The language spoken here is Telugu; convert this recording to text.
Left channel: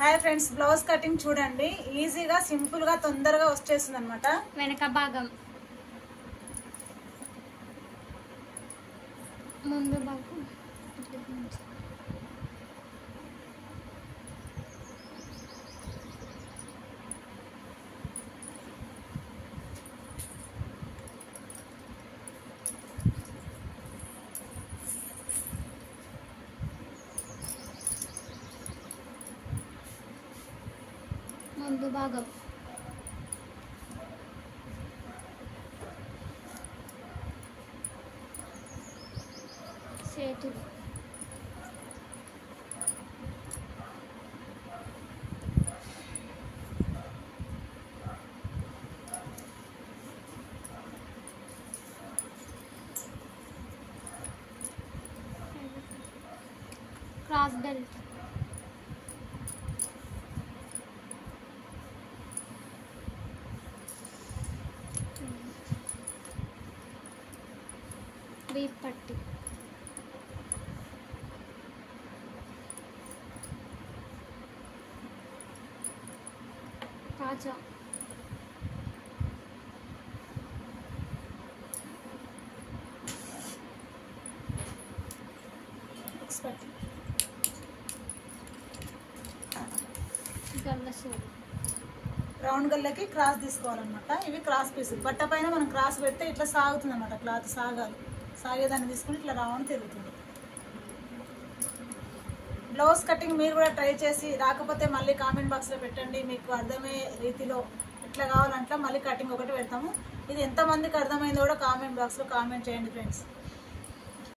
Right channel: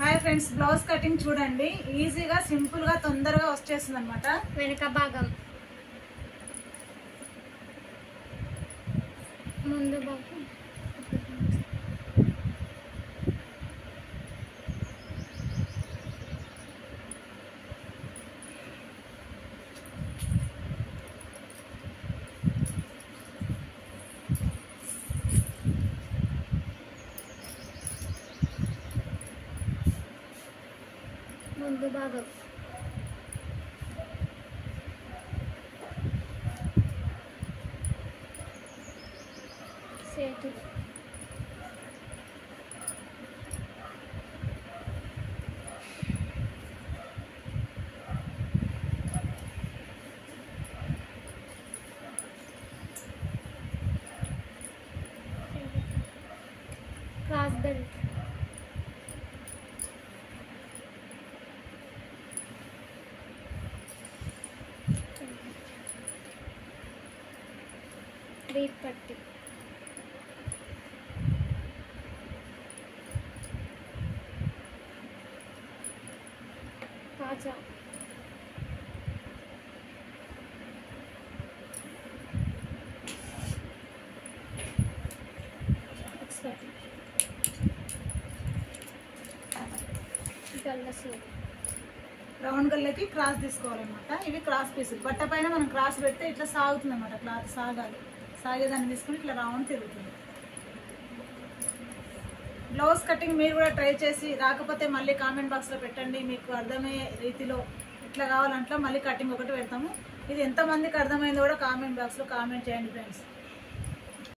హాయ్ ఫ్రెండ్స్, బ్లౌజ్ కటింగ్ చూడండి. ఈజీగా సింపుల్ గా తొందరగా వచ్చేస్తుంది అనమాట. వెనక భాగం, ముందు భాగం, ముందు భాగం, చేతులు, క్రాస్ బెల్ట్, రీప్ పట్టి, కాజా, గల్లసు, రౌండ్ గల్లకి క్రాస్ తీసుకోవాలన్నమాట. ఇవి క్రాస్ పీస్. బట్ట పైన మనం క్రాస్ పెడితే ఇట్లా సాగుతుంది అనమాట. క్లాత్ సాగాలి. సాగేదాన్ని తీసుకుని ఇట్లా రౌండ్ తిరుగుతుంది. బ్లౌజ్ కటింగ్ మీరు కూడా ట్రై చేసి రాకపోతే మళ్ళీ కామెంట్ బాక్స్లో పెట్టండి. మీకు అర్థమయ్యే రీతిలో ఎట్లా కావాలంటే మళ్ళీ కటింగ్ ఒకటి పెడతాము. ఇది ఎంతమందికి అర్థమైందో కూడా కామెంట్ బాక్స్లో కామెంట్ చేయండి ఫ్రెండ్స్.